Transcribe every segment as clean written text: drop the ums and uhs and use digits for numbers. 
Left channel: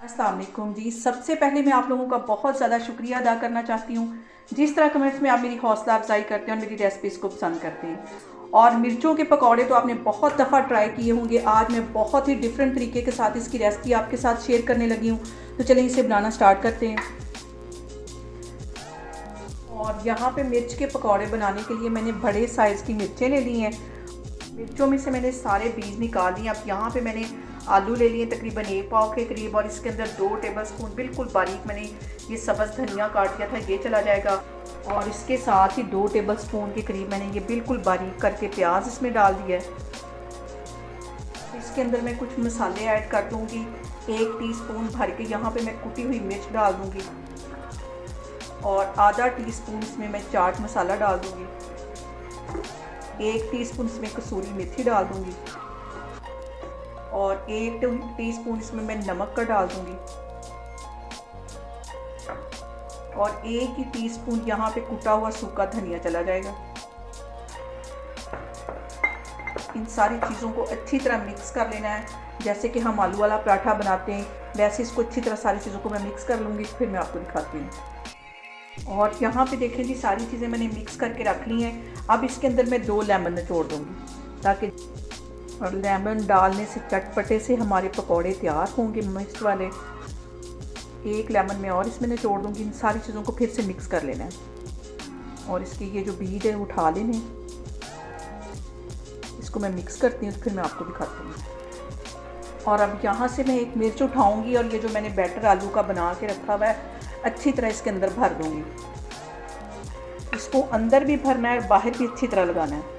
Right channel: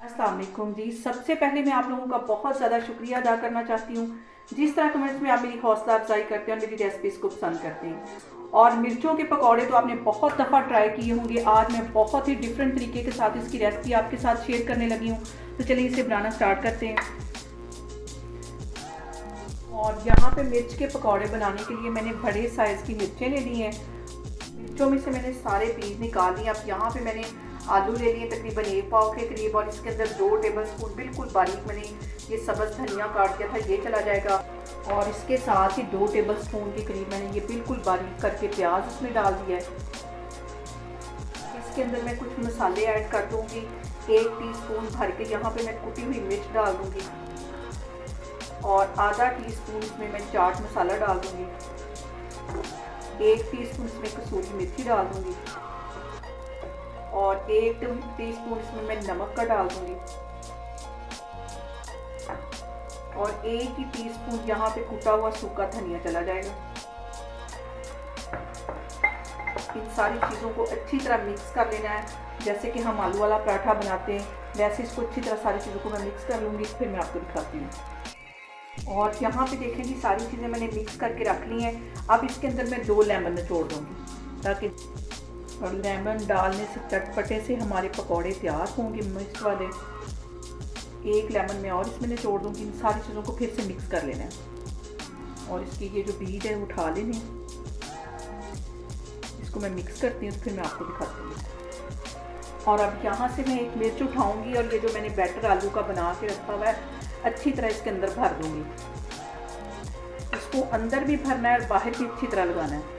अस्सलाम वालेकुम जी। सबसे पहले मैं आप लोगों का बहुत ज़्यादा शुक्रिया अदा करना चाहती हूँ, जिस तरह कमेंट्स में आप मेरी हौसला अफजाई करते हैं और मेरी रेसिपीज़ को पसंद करते हैं। और मिर्चों के पकौड़े तो आपने बहुत दफ़ा ट्राई किए होंगे। आज मैं बहुत ही डिफरेंट तरीके के साथ इसकी रेसिपी आपके साथ शेयर करने लगी हूँ। तो चलिए इसे बनाना स्टार्ट करते हैं। और यहाँ पे मिर्च के पकौड़े बनाने के लिए मैंने बड़े साइज़ की मिर्चें ले ली हैं। मिर्चों में से मैंने सारे बीज निकाल दिए। अब यहाँ पे मैंने आलू ले लिए तकरीबन 1 पाव के करीब, और इसके अंदर 2 टेबलस्पून बिल्कुल बारीक मैंने ये सब्ज़ धनिया काट दिया था, ये चला जाएगा। और इसके साथ ही 2 टेबलस्पून के करीब मैंने ये बिल्कुल बारीक करके प्याज इसमें डाल दिया है। इसके अंदर मैं कुछ मसाले ऐड कर दूँगी। 1 टीस्पून भर के यहाँ पे मैं कुटी हुई मिर्च डाल दूँगी, और आधा टीस्पून इसमें मैं चाट मसाला डाल दूँगी। 1 टीस्पून इसमें कसूरी मेथी डाल दूँगी, और 1 टीस्पून इसमें मैं नमक का डाल दूँगी, और 1 ही टीस्पून यहाँ पे कुटा हुआ सूखा धनिया चला जाएगा। इन सारी चीज़ों को अच्छी तरह मिक्स कर लेना है। जैसे कि हम आलू वाला पराठा बनाते हैं, वैसे इसको अच्छी तरह सारी चीज़ों को मैं मिक्स कर लूँगी, फिर मैं आपको दिखाती हूँ। और यहाँ पे देखें जी, सारी चीज़ें मैंने मिक्स करके रख ली हैं। अब इसके अंदर मैं 2 लेमन निचोड़ दूँगी, ताकि और लेमन डालने से चटपटे से हमारे पकौड़े तैयार होंगे मिर्च वाले। 1 लेमन मैं और इसमें निचोड़ दूँगी। इन सारी चीज़ों को फिर से मिक्स कर लेना है, और इसकी ये जो बीज है उठा लेनी। इसको मैं मिक्स करती हूँ, फिर मैं आपको दिखाती हूँ। और अब यहाँ से मैं 1 मिर्च उठाऊँगी, और ये जो मैंने बैटर आलू का बना के रखा हुआ है अच्छी तरह इसके अंदर भर दूँगी। इसको अंदर भी भरना है और बाहर भी अच्छी तरह लगाना है।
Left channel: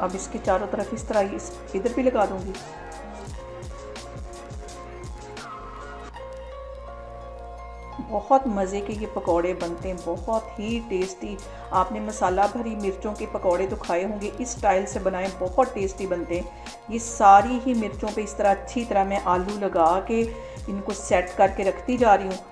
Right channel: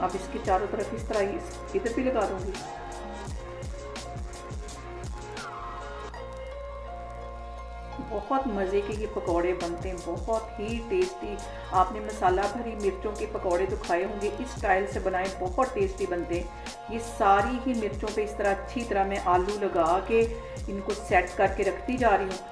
अब इसके चारों तरफ इस तरह इधर भी लगा दूंगी। बहुत मज़े के ये पकौड़े बनते हैं, बहुत ही टेस्टी। आपने मसाला भरी मिर्चों के पकौड़े तो खाए होंगे, इस स्टाइल से बनाएं, बहुत टेस्टी बनते हैं। ये सारी ही मिर्चों पे इस तरह अच्छी तरह मैं आलू लगा के इनको सेट करके रखती जा रही हूँ।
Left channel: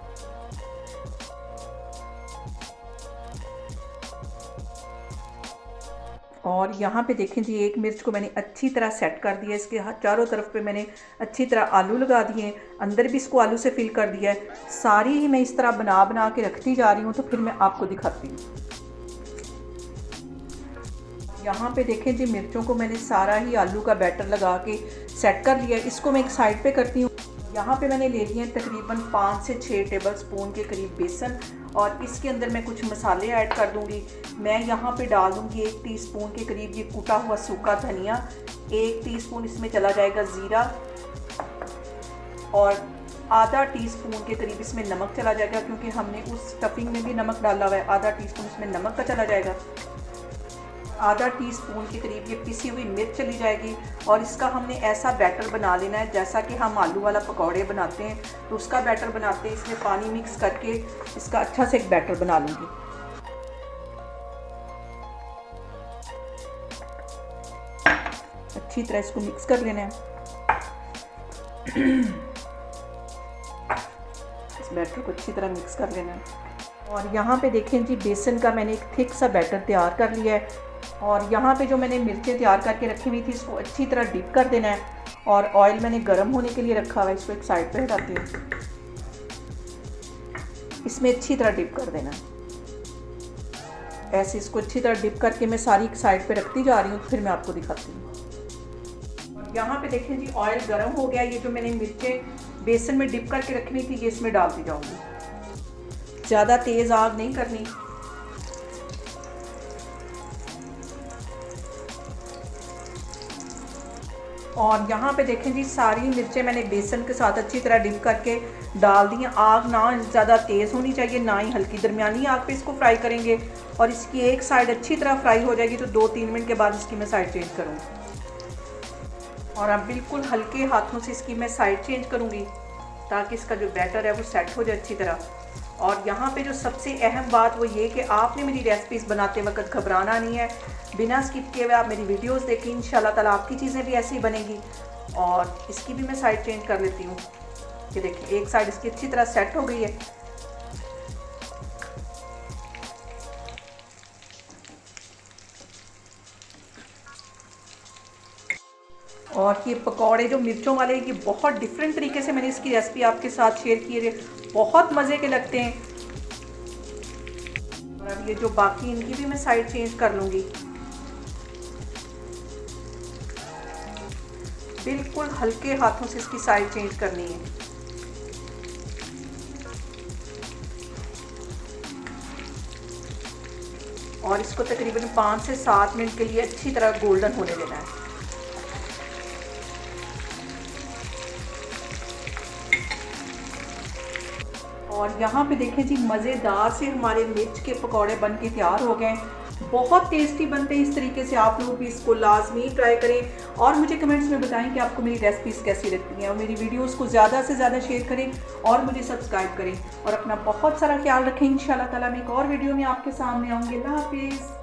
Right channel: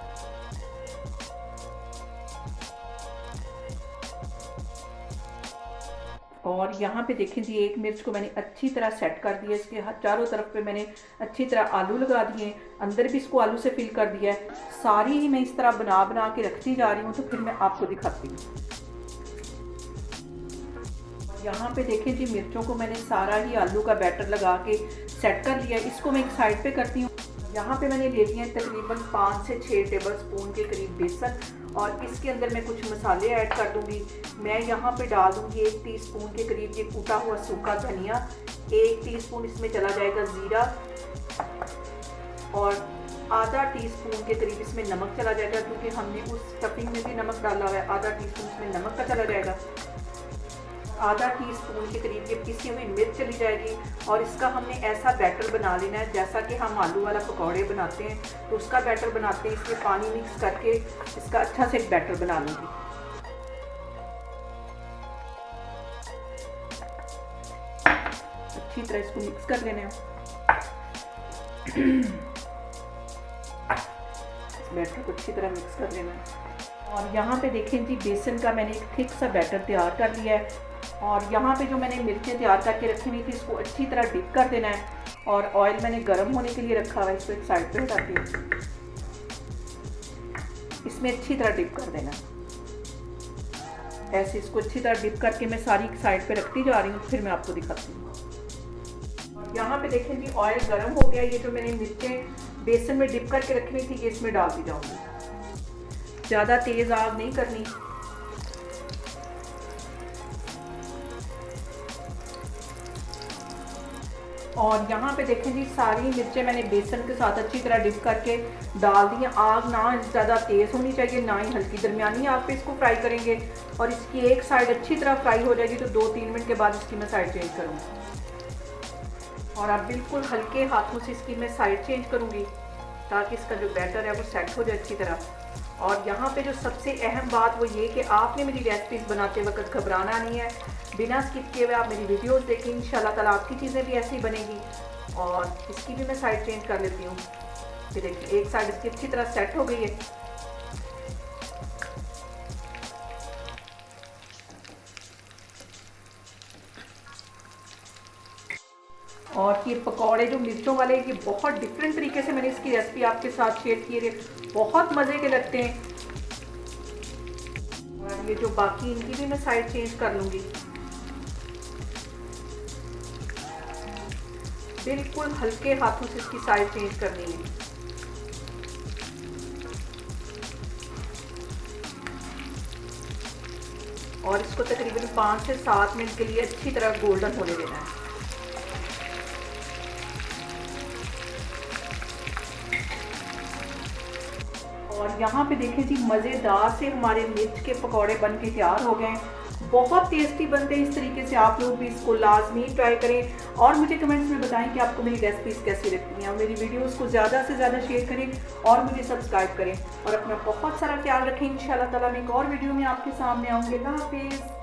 और यहाँ पे देखें जी, 1 मिर्च को मैंने अच्छी तरह सेट कर दिया। इसके चारों तरफ पे मैंने अच्छी तरह आलू लगा दिए, अंदर भी इसको आलू से फिल कर दिया है। सारी ही मैं इस तरह बना बना के रखती जा रही हूँ, तो फिर मैं आपको दिखाती हूँ। यहाँ पे देखें जी, मिर्चों को मैंने सारा ही आलू का बैटर लगा के सेट कर लिया है। इसको मैं एक साइड पे करती हूँ। यहाँ पे मैंने ले लिए तकरीबन 5 से 6 टेबलस्पून के करीब बेसन, और इसके अंदर मैं कुछ मसाले ऐड कर दूँगी। मैं यहाँ पे डाल दूँगी 1 टीस्पून के करीब ये कूटा हुआ सूखा धनिया, 1 टीस्पून इसमें चला जाएगा ज़ीरा, और आधा टीस्पून के करीब इसमें नमक चला जाएगा, क्योंकि हमने उस स्टफिंग में भी नमक डाला हुआ है। आधा टीस्पून इसमें नमक का चला जाएगा। आधा टीस्पून के करीब ये पिसी हुई मिर्च चली जाएगी। और इसका हमने ऐसा बैटर बना लेना है जैसा कि हम आलू वाला पकौड़े बनाते हैं, तो उसका बैटर बनाते हैं। इसमें पानी मिक्स करके इसका अच्छा से एक बैटर बना लूँगी। अच्छी तरह इसको मिक्स कर लेना है। इस बैटर को अच्छी तरह मिक्स कर लेना है। और यहाँ पे देखें जी, बेसन का मैंने एक थिक सा बैटर तैयार कर लिया है। और यहाँ पे जो मैंने मिर्चें तैयार करके रखी हुई थी, इसको अच्छी तरह डिप कर देना है। और ऑयल मैंने गर्म होने के लिए रखा हुआ है, इसको एक साइड पे हटाती हूँ। इसमें अच्छी तरह डिप कर देना है। ऐसे इसको अच्छी तरह डिप करके मैं सारी साइड पे रखती जा रही हूँ, फिर मैं आपको दिखाती हूँ। यहाँ पे देखें जी, ऑयल गर्म हो गया। ये जो मैंने मिर्चें बेसन में डिप करके रखनी थी, ये इसमें डालती जाऊँगी। ज़्यादा तेज़ आग नहीं करनी। और यहाँ पे देखें जी, सारी मिर्चें मैंने बेसन के साथ अच्छी तरह डिप करके डाल दी हैं। आग ना ज़्यादा तेज़ होनी चाहिए, ना ही हल्की, दरमियानी आग पे इसको फ्राई करेंगे। और इसकी एक साइड अच्छी तरह फ्राई हो जाएगी, तो 2-3 मिनट के बाद इसकी मैं साइड चेंज करूँगी। और अब बिल्कुल हल्के हाथों से इसकी मैं साइड चेंज करूँगी, ताकि इसका जो बैटर है वो सेट हो जाए अच्छी तरह। और यहाँ पे जो सबसे अहम बात वो ये कि आपने मेरी रेसिपीज़ बनाते वक्त घबराना नहीं है। बिना स्किप किए हुए आप मेरी वीडियोस देखें, इंशाल्लाह ताला आपकी चीज़ें भी ऐसी ही बनेगी। और इसकी भी मैं साइड चेंज कर लेती हूँ। ये देखिए, एक साइड इसकी अच्छी तरह सेट हो गई है। और ये पकौड़े जो मिर्चों वाले, ये बहुत डिफरेंट तरीके से मैंने इसकी रेसिपी आपके साथ शेयर की है, बहुत मज़े के लगते हैं। और ये जो बाकी इनकी भी मैं साइड चेंज कर लूँगी। बिल्कुल हल्के हाथों से इसकी साइड चेंज करनी है। और इसको तकरीबन 5 से 7 मिनट के लिए अच्छी तरह गोल्डन होने देना है। और यहाँ पे देखें जी, मज़ेदार से हमारे मिर्च के पकौड़े बन के तैयार हो गए। बहुत टेस्टी बनते हैं इस तरीके से, आप लोग भी इसको लाजमी ट्राई करें और मुझे कमेंट्स में बताएं कि आपको मेरी रेसिपीज़ कैसी लगती हैं। और मेरी वीडियोस को ज़्यादा से ज़्यादा शेयर करें और मुझे सब्सक्राइब करें और अपना बहुत सारा ख्याल रखें। इंशाल्लाह ताला मैं एक और वीडियो में आपके सामने आऊँगी। अल्लाह हाफिज़।